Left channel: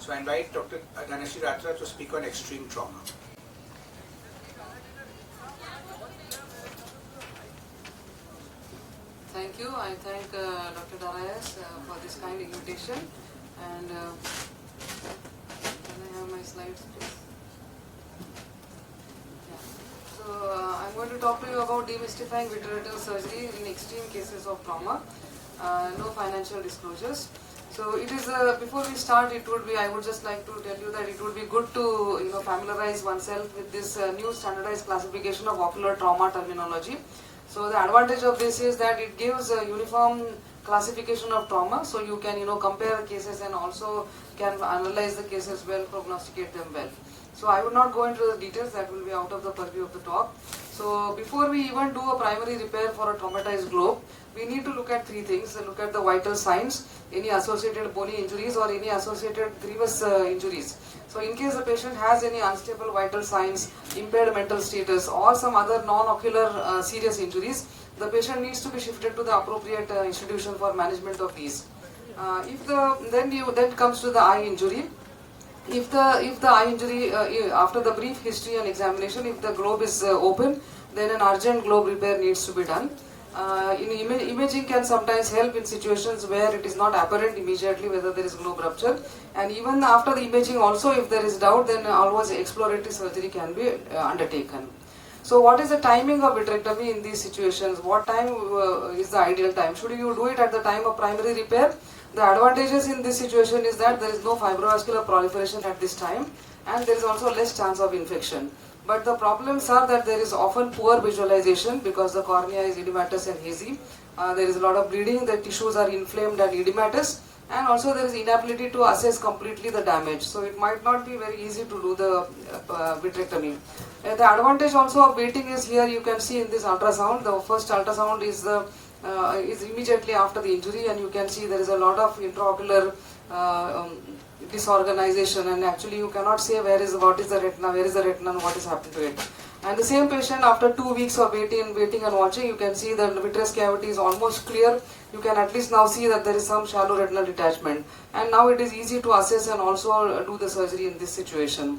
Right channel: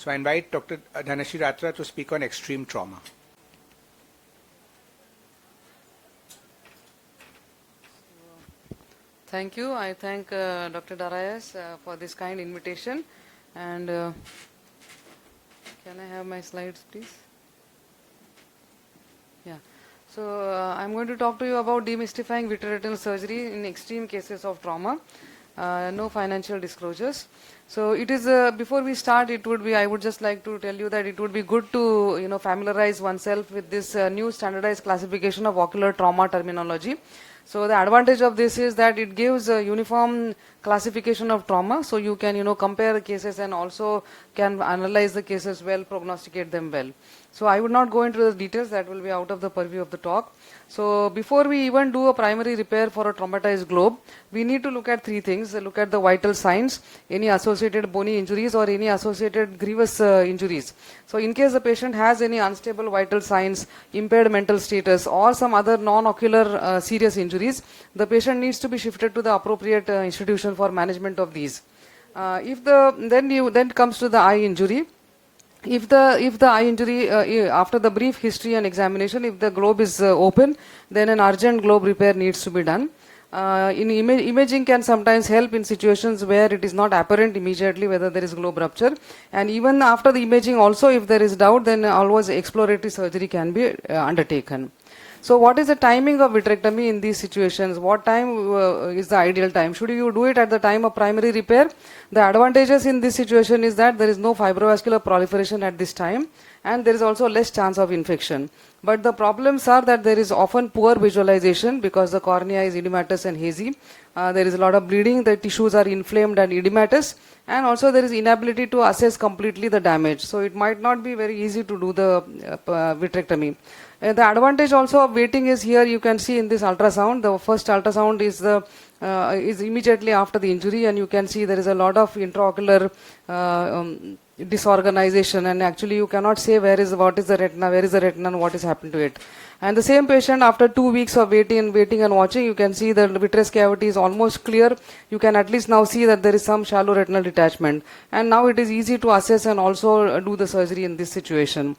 So I invite Dr. Dhanashree Ratra to speak on extreme trauma. Thank you. I thank Dr. Darius for this kind invitation. And can I have my slides, please? Yeah. So I'm going to talk to you about demystifying vitreoretinal surgery in extreme cases of trauma. No financial disclosures. So it is before we start, I would just like to tell you that it would be good to familiarize oneself with this new standardized classification of ocular trauma terminology. So the advantage of this is that it gives a uniform classification of trauma, so you can compare cases and also can analyze the cases well, prognosticate them well. So I would not go into the details, that will be out of the purview of the talk. So before we even do a primary repair for a traumatized globe, we need to look at three things. Look at the vital signs, any associated bony injuries or any associated grievous injuries. So in case the patient has any unstable vital signs, impaired mental status or some other non-ocular serious injuries, the patient needs to be shifted to the appropriate institution for management of these. Then comes to the eye injury. If the eye injury, after the brief history and examination, if the globe is open, then an urgent globe repair needs to be done. Imaging can sometimes help in situations where it is not apparent immediately whether there is globe rupture, and even after the imaging also, if there is doubt, then always exploratory surgery can be undertaken. So what is the timing of vitrectomy in these situations? What time is the ideal time? Should you do it at the time of primary repair? The advantages in this situation is that there is no fibrovascular proliferation at this time, and there is also less chance of infection. But the problems are that there is often poor visualization because the cornea is edematous and hazy. There is a lot of bleeding, the tissues are inflamed and edematous, and also there is inability to assess completely the damage. So it might not be very easy to do the vitrectomy. The advantage also of waiting is here you can see in this ultrasound. The first ultrasound is immediately after the injury, and you can see there is a lot of intraocular disorganization, and actually you cannot say what is the retina and what is happening to it. And the same patient, after 2 weeks of waiting and watching, you can see that the vitreous cavity is almost clear. You can at least now see that there is some shallow retinal detachment, and now it is easy to assess and also do the surgery in this situation.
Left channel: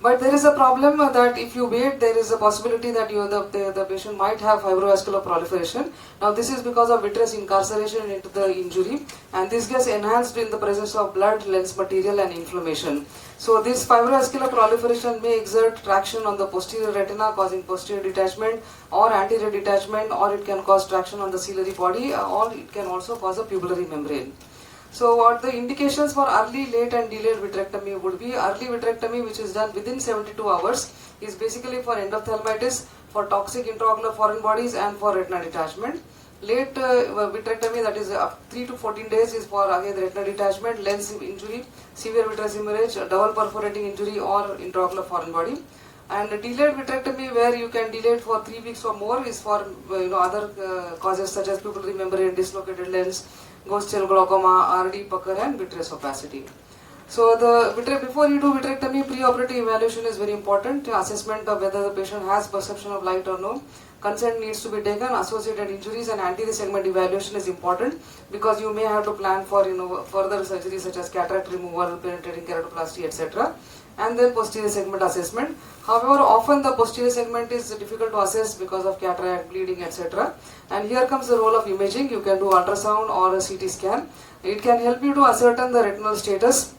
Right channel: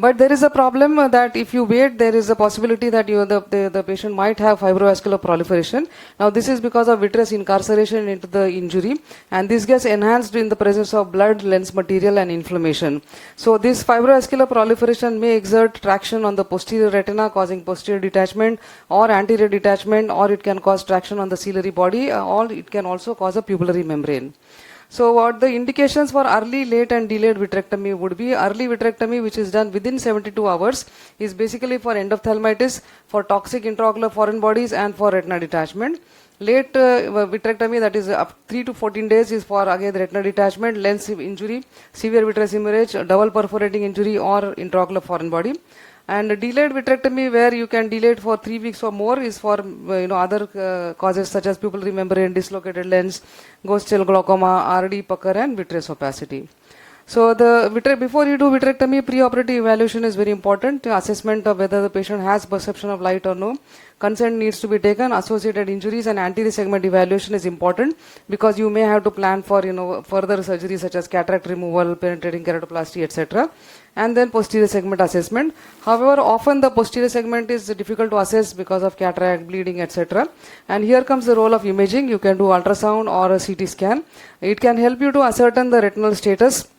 But there is a problem that if you wait, there is a possibility that the patient might have fibrovascular proliferation. Now this is because of vitreous incarceration into the injury, and this gets enhanced in the presence of blood, lens material and inflammation. So this fibrovascular proliferation may exert traction on the posterior retina, causing posterior detachment or anterior detachment, or it can cause traction on the ciliary body, or it can also cause a pupillary membrane. So what the indications for early, late and delayed vitrectomy would be: early vitrectomy, which is done within 72 hours, is basically for endophthalmitis, for toxic intraocular foreign bodies and for retina detachment. Late vitrectomy, that is 3 to 14 days, is for again retinal detachment, lens injury, severe vitreous hemorrhage, double perforating injury or intraocular foreign body. And delayed vitrectomy, where you can delay it for 3 weeks or more, is for other causes such as pupillary membrane, dislocated lens, ghost cell glaucoma, RD, pucker and vitreous opacity. So before you do vitrectomy, preoperative evaluation is very important. Assessment of whether the patient has perception of light or no. Consent needs to be taken. Associated injuries and anterior segment evaluation is important because you may have to plan for further surgery such as cataract removal, penetrating keratoplasty, etc. And then posterior segment assessment. However, often the posterior segment is difficult to assess because of cataract, bleeding, etc. And here comes the role of imaging. You can do ultrasound or a CT scan. It can help you to ascertain the retinal status,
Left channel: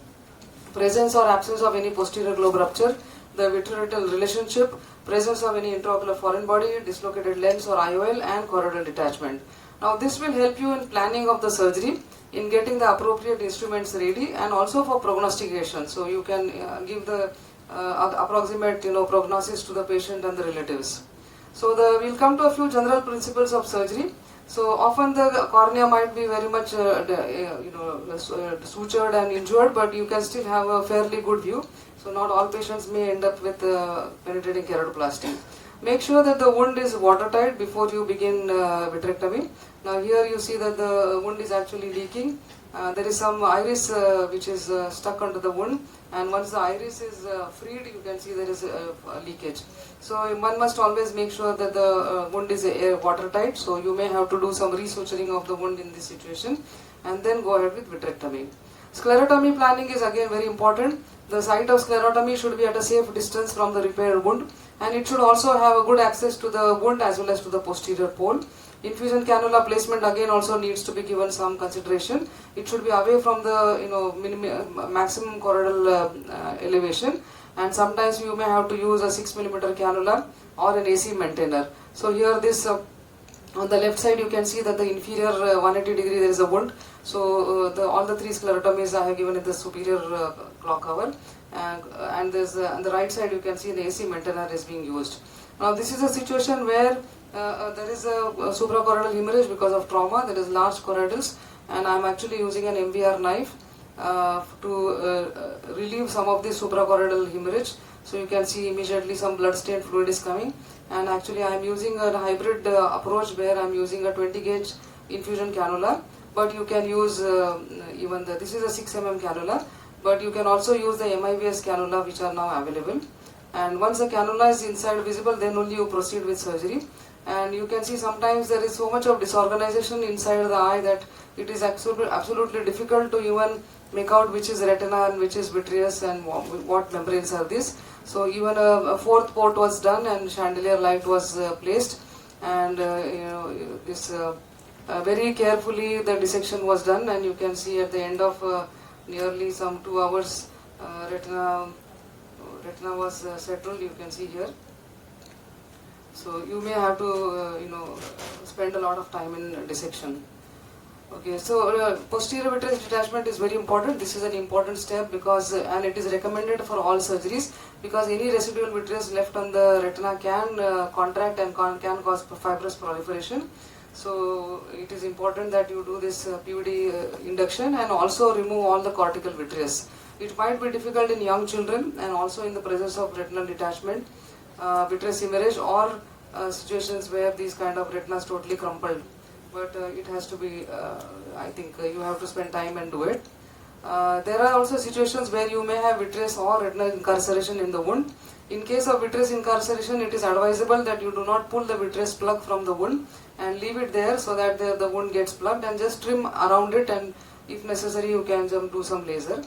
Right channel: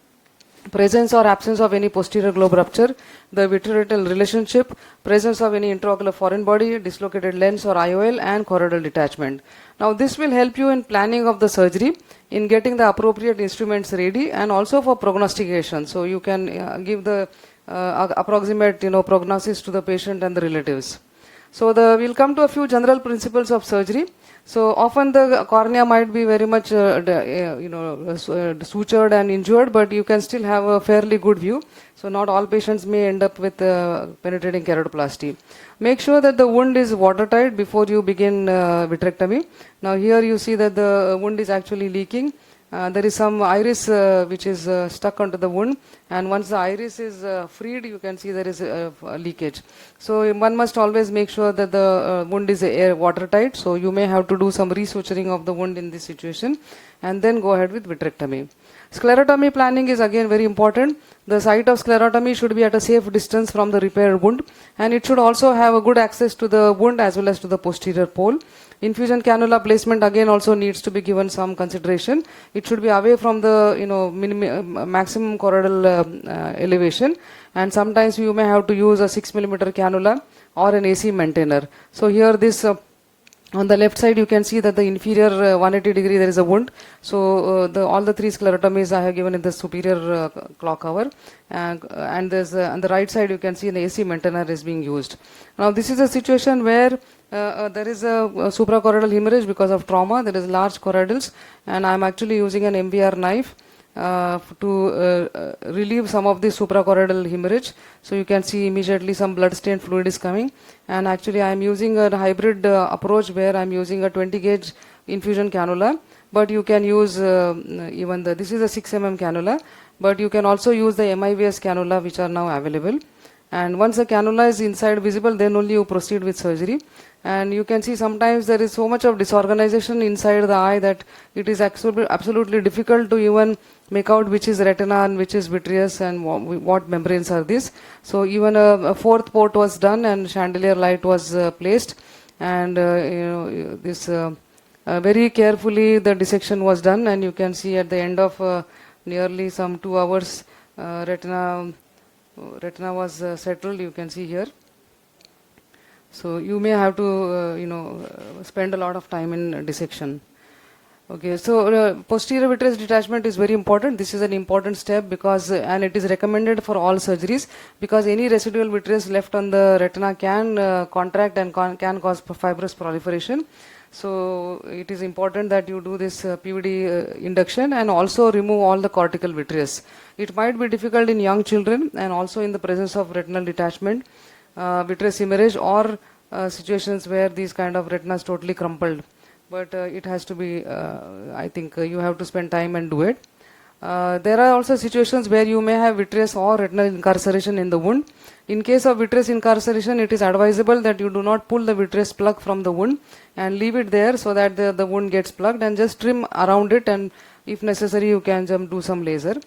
presence or absence of any posterior globe rupture, the vitreoretinal relationship, presence of any intraocular foreign body, dislocated lens or IOL, and choroidal detachment. Now this will help you in planning of the surgery, in getting the appropriate instruments ready, and also for prognostication. So you can give the approximate prognosis to the patient and the relatives. So we'll come to a few general principles of surgery. So often the cornea might be very much sutured and injured, but you can still have a fairly good view. So not all patients may end up with penetrating keratoplasty. Make sure that the wound is watertight before you begin vitrectomy. Now here you see that the wound is actually leaking. There is some iris which is stuck onto the wound, and once the iris is freed, you can see there is a leakage. So one must always make sure that the wound is watertight. So you may have to do some resuturing of the wound in this situation, and then go ahead with vitrectomy. Sclerotomy planning is again very important. The site of sclerotomy should be at a safe distance from the repaired wound, and it should also have a good access to the wound as well as to the posterior pole. Infusion cannula placement again also needs to be given some consideration. It should be away from the maximum choroidal elevation, and sometimes you may have to use a 6 mm cannula or an AC maintainer. So here this on the left side you can see that the inferior 180 degree there is a wound. So all the three sclerotomies I have given in the superior clock hour, and there's on the right side you can see the AC maintainer is being used. Now this is a situation where there is a suprachoroidal hemorrhage because of trauma. There is large choroidals, and I am actually using an MVR knife to relieve some of the suprachoroidal hemorrhage. So you can see immediately some blood stained fluid is coming, and actually I am using a hybrid approach where I am using a 20 gauge infusion cannula, but you can use this is a 6 mm cannula, but you can also use the MIVS cannula which are now available. And once the cannula is inside visible, then only you proceed with surgery. And you can see sometimes there is so much of disorganization inside the eye that it is absolutely difficult to even make out which is retina and which is vitreous and what membranes are these. So even a fourth port was done and chandelier light was placed, and this very carefully the dissection was done, and you can see at the end of nearly some 2 hours retina was settled, you can see here. So you may have to spend a lot of time in dissection. Okay, so posterior vitreous detachment is very important. This is an important step because and it is recommended for all surgeries, because any residual vitreous left on the retina can contract and can cause fibrous proliferation. So it is important that you do this PVD induction and also remove all the cortical vitreous. It might be difficult in young children and also in the presence of retinal detachment, vitreous hemorrhage, or situations where these kind of retina is totally crumpled. But it has to be, I think you have to spend time and do it. There are also situations where you may have vitreous or retinal incarceration in the wound. In case of vitreous incarceration, it is advisable that you do not pull the vitreous plug from the wound and leave it there so that the wound gets plugged, and just trim around it, and if necessary you can do some laser.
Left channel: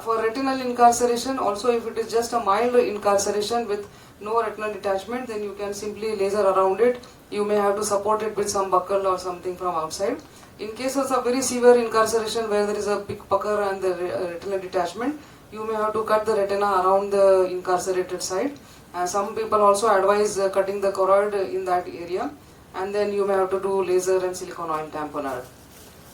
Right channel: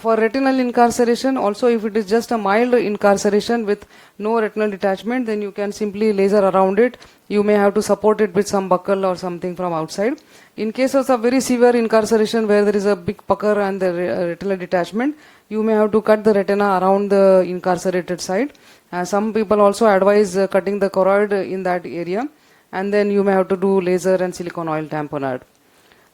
For retinal incarceration also, if it is just a mild incarceration with no retinal detachment, then you can simply laser around it. You may have to support it with some buckle or something from outside. In cases of very severe incarceration where there is a big pucker and the retinal detachment, you may have to cut the retina around the incarcerated side. Some people also advise cutting the choroid in that area, and then you may have to do laser and silicone oil tamponade.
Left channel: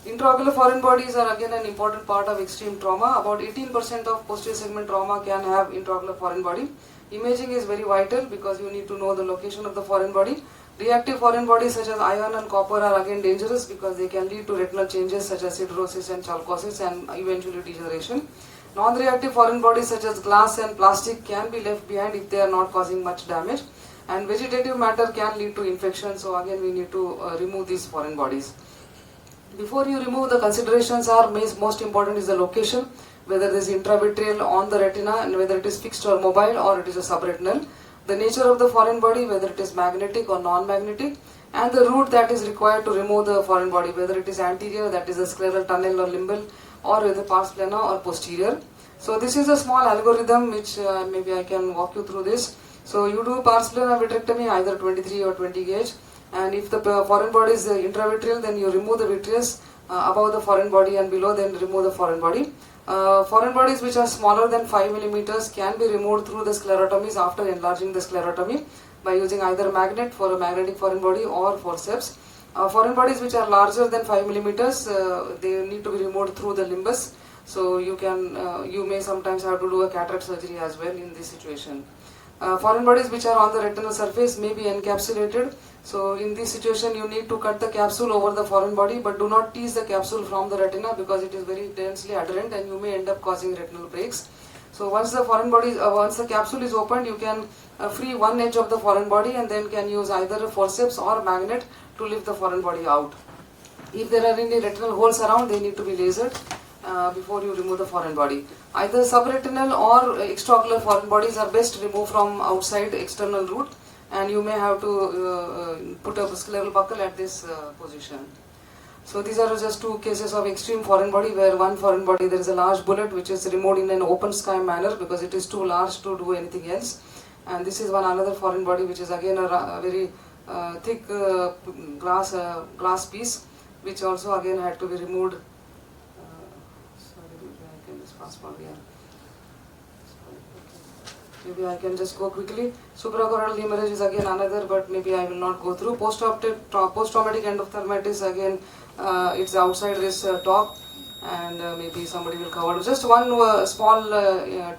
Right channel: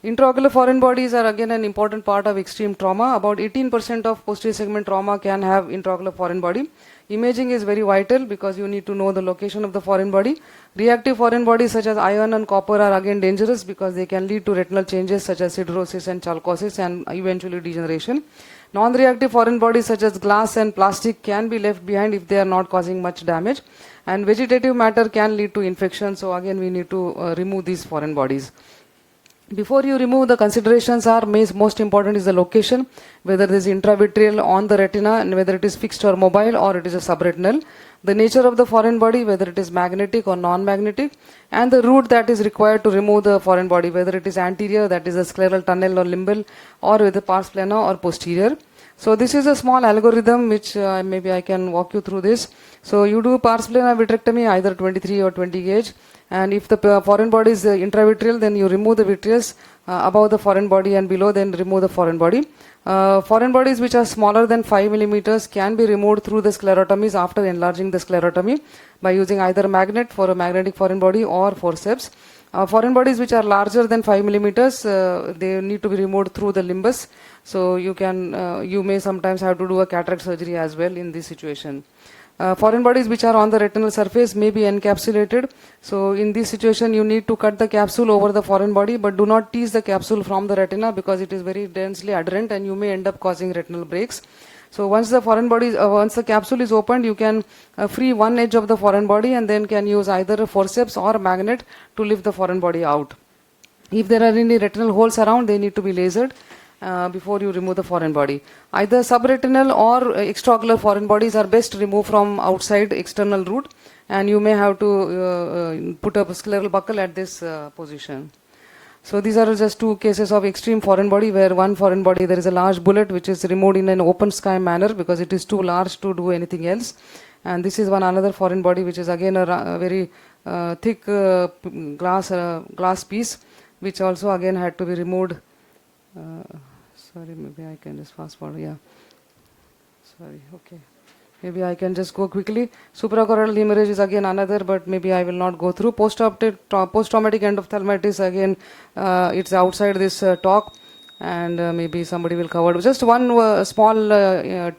Intraocular foreign bodies are again an important part of extreme trauma. About 18% of posterior segment trauma can have intraocular foreign body. Imaging is very vital because you need to know the location of the foreign body. Reactive foreign bodies such as iron and copper are again dangerous because they can lead to retinal changes such as siderosis and chalcosis and eventually degeneration. Non-reactive foreign bodies such as glass and plastic can be left behind if they are not causing much damage. And vegetative matter can lead to infection, so again we need to remove these foreign bodies. Before you remove, the considerations are most important is the location, whether it is intravitreal on the retina and whether it is fixed or mobile or it is a subretinal. The nature of the foreign body, whether it is magnetic or non-magnetic, and the route that is required to remove the foreign body, whether it is anterior, that is a scleral tunnel or limbal, or with the pars plana, or posterior. So this is a small algorithm which maybe I can walk you through this. So you do pars plana vitrectomy, either 23 or 20 gauge. And if the foreign body is intravitreal, then you remove the vitreous above the foreign body and below, then remove the foreign body. Foreign bodies which are smaller than 5 mm can be removed through the sclerotomies after enlarging the sclerotomy by using either magnet for a magnetic foreign body or forceps. Foreign bodies which are larger than 5 mm, they need to be removed through the limbus. So you may sometimes have to do a cataract surgery as well in this situation. Foreign bodies which are on the retinal surface may be encapsulated. So in this situation you need to cut the capsule over the foreign body, but do not tease the capsule from the retina because it is very densely adherent and you may end up causing retinal breaks. So once the capsule is opened, you can free one edge of the foreign body and then can use either a forceps or a magnet to lift the foreign body out. If there are any retinal holes around, they need to be lasered before you remove the foreign body. Either subretinal or extraocular foreign bodies are best removed from outside external route, and you may have to put a scleral buckle at this position. So these are just two cases of extreme foreign body, where one foreign body there is a large bullet which is removed in an open sky manner because it is too large to do anything else. And this is one another foreign body which is again a very thick glass piece, which also again had to be removed. Sorry, maybe I can just fast forward. Yeah. Sorry. Okay. Maybe I can just go quickly. Suprachoroidal hemorrhage is again another, but maybe I will not go through. Post-traumatic endophthalmitis, again, it's outside this talk, and maybe somebody will cover. Just one small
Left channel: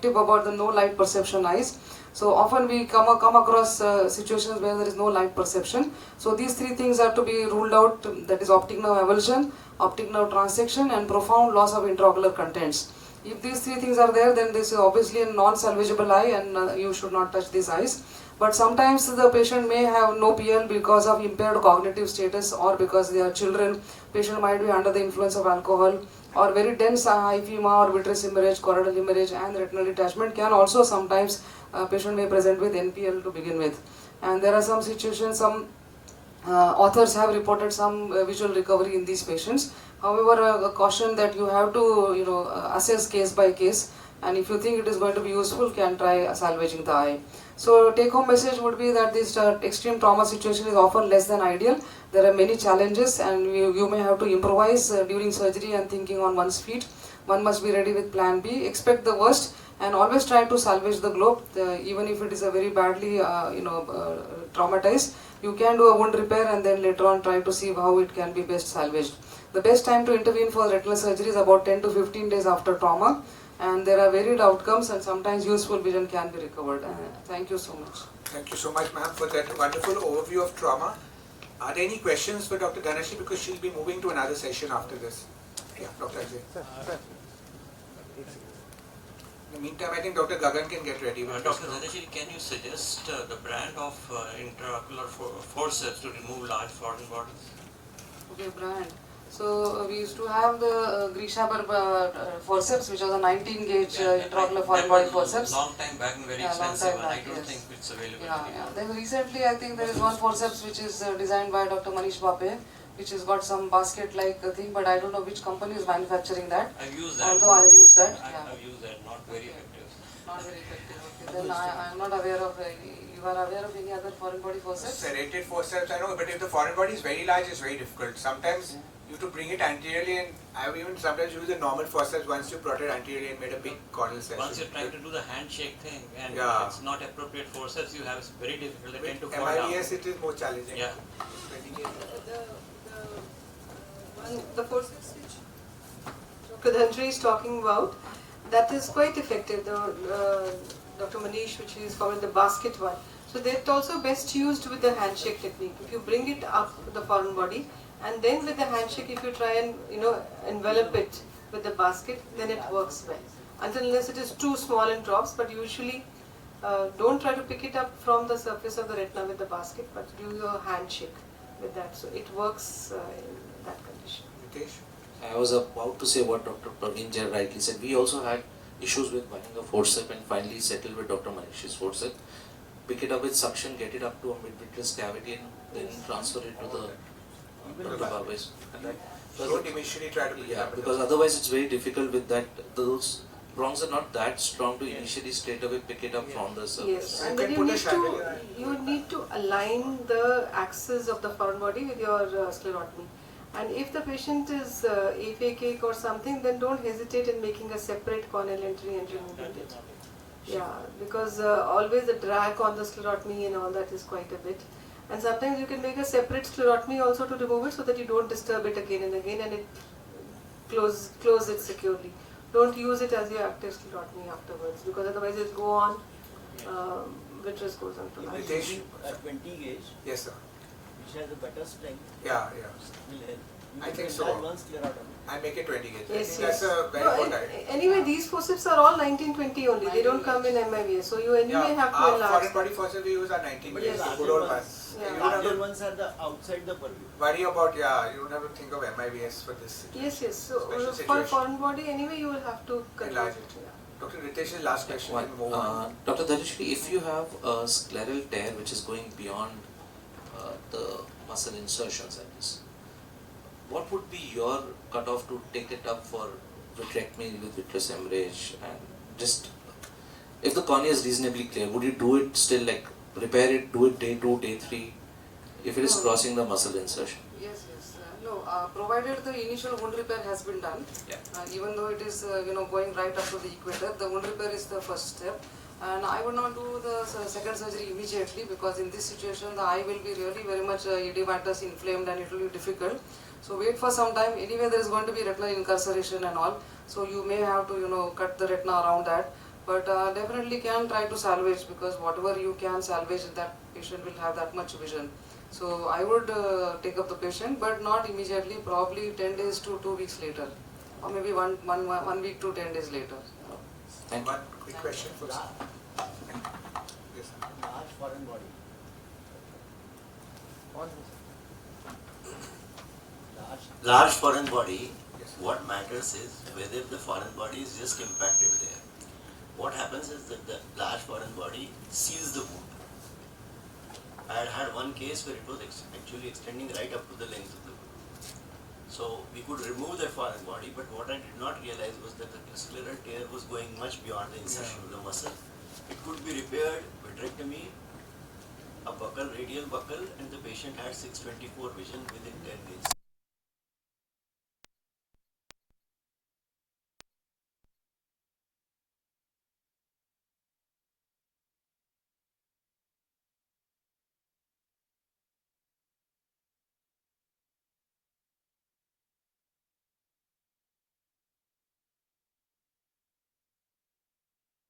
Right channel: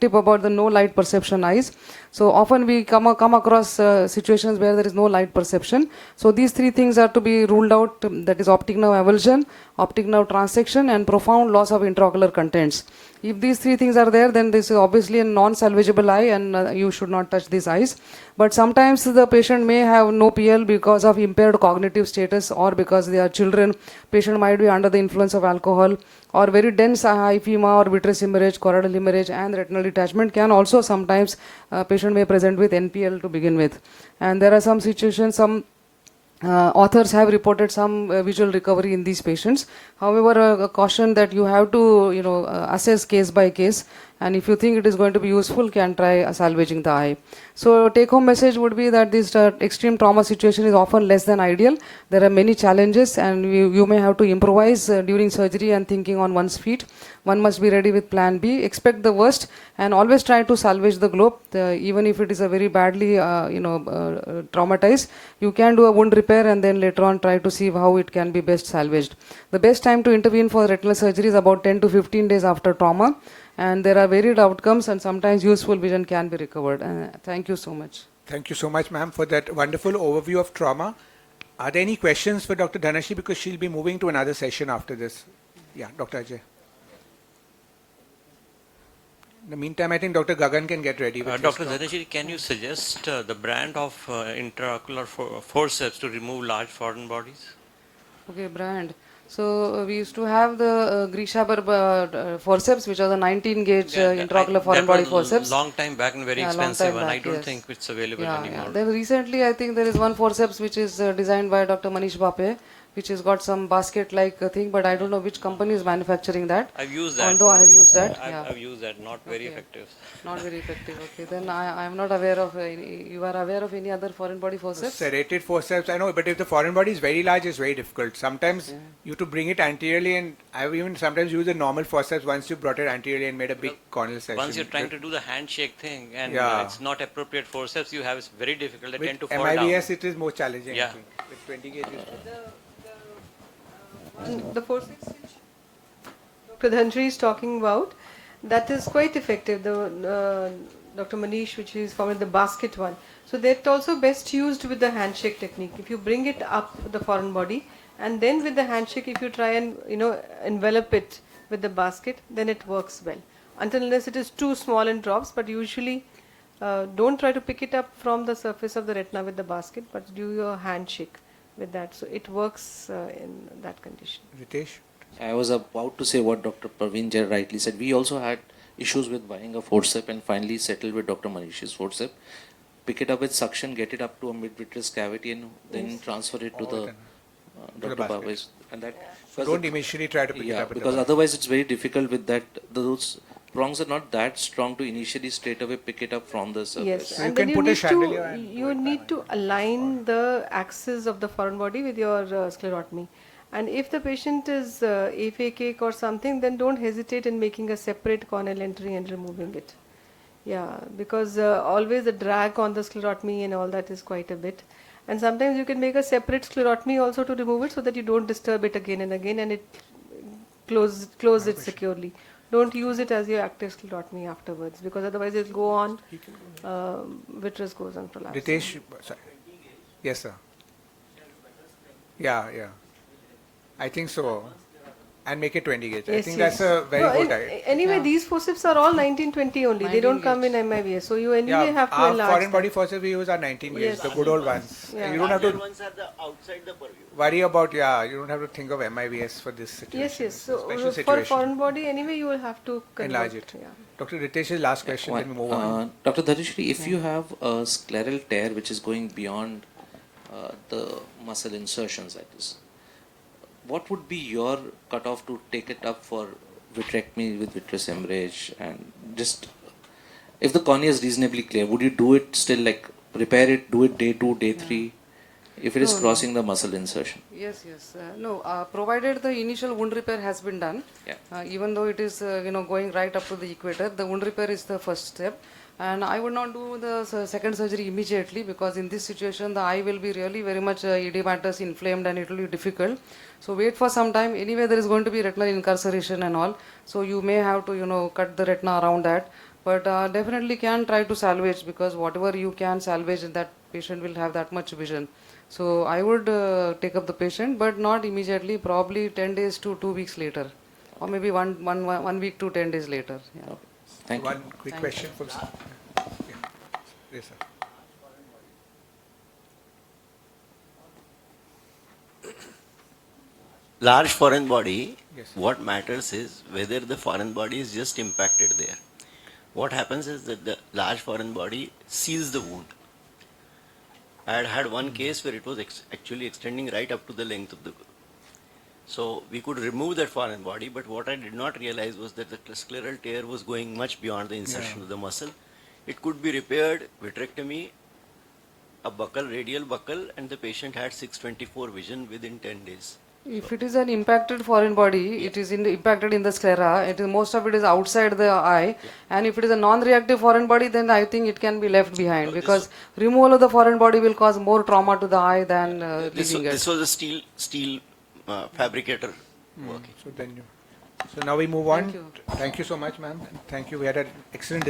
tip about the no light perception eyes. So often we come across situations where there is no light perception. So these three things are to be ruled out. That is optic nerve avulsion, optic nerve transection, and profound loss of intraocular contents. If these three things are there, then this is obviously a non-salvageable eye, and you should not touch these eyes. But sometimes the patient may have no PL because of impaired cognitive status, or because they are children. Patient might be under the influence of alcohol, or very dense hyphema or vitreous hemorrhage, choroidal hemorrhage, and retinal detachment can also sometimes patient may present with NPL to begin with. And there are some situations, some authors have reported some visual recovery in these patients. However, a caution that you have to assess case by case, and if you think it is going to be useful, can try salvaging the eye. So take home message would be that this extreme trauma situation is often less than ideal. There are many challenges, and you may have to improvise during surgery and thinking on one's feet. One must be ready with plan B, expect the worst, and always try to salvage the globe. Even if it is a very badly traumatized, you can do a wound repair and then later on try to see how it can be best salvaged. The best time to intervene for retinal surgery is about 10 to 15 days after trauma, and there are varied outcomes, and sometimes useful vision can be recovered. Thank you so much. Thank you so much, ma'am, for that wonderful overview of trauma. Are there any questions for Dr. Dhanashree, because she'll be moving to another session after this? Yeah, Dr. Ajay. In the meantime, I think Dr. Gagan can get ready with Dr. Dhanashree, can you suggest the brand of intraocular forceps to remove large foreign bodies? Okay, brand. So we used to have the Grishaber forceps, which was a 19 gauge intraocular foreign body forceps. Long time back and very expensive, and I don't think it's available anymore. Then recently, I think there is one forceps which is designed by Dr. Manish Bape, which has got some basket-like thing, but I don't know which company is manufacturing that. I've used that. Although I've used that. I've used that, not very effective. Not very effective. Okay, then I am not aware of any. You are aware of any other foreign body forceps? Serrated forceps, I know, but if the foreign body is very large, it's very difficult. Sometimes you have to bring it anteriorly, and I've even sometimes used the normal forceps once you brought it anteriorly and made a big corneal section. Once you're trying to do the handshake thing and it's not appropriate forceps you have, it's very difficult. They tend to fall down. MIBS, it is more challenging. Yeah. The forceps which Dr. Dhanashree is talking about, that is quite effective. The Dr. Manish, which is called the basket one. So that's also best used with the handshake technique. If you bring it up the foreign body, and then with the handshake, if you try and envelop it with the basket, then it works well. Unless it is too small and drops, but usually don't try to pick it up from the surface of the retina with the basket, but do your handshake with that. So it works in that condition. Ritesh? I was about to say what Dr. Praveen Jain rightly said. We also had issues with buying a forceps and finally settled with Dr. Manish's forceps. Pick it up with suction, get it up to a mid-vitreous cavity, and then transfer it to the Dr. Baba's. And that, don't initially try to pick it up. Because otherwise it's very difficult with that. Those prongs are not that strong to initially straight away pick it up from the surface. Yes, So and you then can put a chandelier. you need to align the axis of the foreign body with your sclerotomy. And if the patient is aphakic or something, then don't hesitate in making a separate corneal entry and removing it. Yeah, because always the drag on the sclerotomy and all that is quite a bit. And sometimes you can make a separate sclerotomy also to remove it so that you don't disturb it again and again, and it close it securely. Don't use it as your active sclerotomy afterwards, because otherwise it will go on, vitreous goes on to life. Ritesh? 20 gauge. Yes, sir. Which has a better strength. Yeah. Will help. I think so. Advanced sclerotomy. And make it 20 gauge. I Yes, think yes. that's a very good idea. Anyway, these forceps are all 1920 only. They don't come in MIBS. So you anyway have to our enlarge foreign them. body forceps we use are 19 gauge, Yes. the good old ones. Yeah. You don't have Other to ones are the outside the purview. worry about, you don't have to think of MIBS for this situation. Yes. So Special for situation. foreign body, anyway, you will have to convert. Enlarge it. Yeah. Dr. Ritesh's last question, then move on. Dr. Dhanashree, if you have a scleral tear which is going beyond the muscle insertions, that is, what would be your cutoff to take it up for vitrectomy with vitreous hemorrhage? And just if the cornea is reasonably clear, would you do it still, like repair it, do it day 2, day 3, if it is No, no. crossing the muscle insertion? Yes, yes. No, provided the initial wound repair has been done, Yeah. even though it is going right up to the equator, the wound repair is the first step. And I would not do the second surgery immediately, because in this situation the eye will be really very much edematous, inflamed, and it will be difficult. So wait for some time. Anyway, there is going to be retinal incarceration and all, so you may have to cut the retina around that. But definitely can try to salvage, because whatever you can salvage, that patient will have that much vision. So I would take up the patient, but not immediately, probably 10 days to 2 weeks later, or maybe one week to 10 days later. Yeah. Thank you. One quick question for sir. Yes, sir. Large foreign body. Large foreign body, Yes. what matters is whether the foreign body is just impacted there. What happens is that the large foreign body seals the wound. I had had one case where it was actually extending right up to the length of the wound. So we could remove that foreign body, but what I did not realize was that the scleral tear was going much beyond the insertion of the muscle. It could be repaired, vitrectomy, a buccal, radial buccal, and the patient had 624 vision within 10 days. If it is an impacted foreign body, it is impacted in the sclera. Most of it is outside the eye, and if it is a non-reactive foreign body, then I think it can be left behind, No, because removal of the foreign body will cause more trauma to the eye than leaving it. This was a steel fabricator working. So then so now we move on. Thank you. Thank you so much, ma'am. Thank you. We had an excellent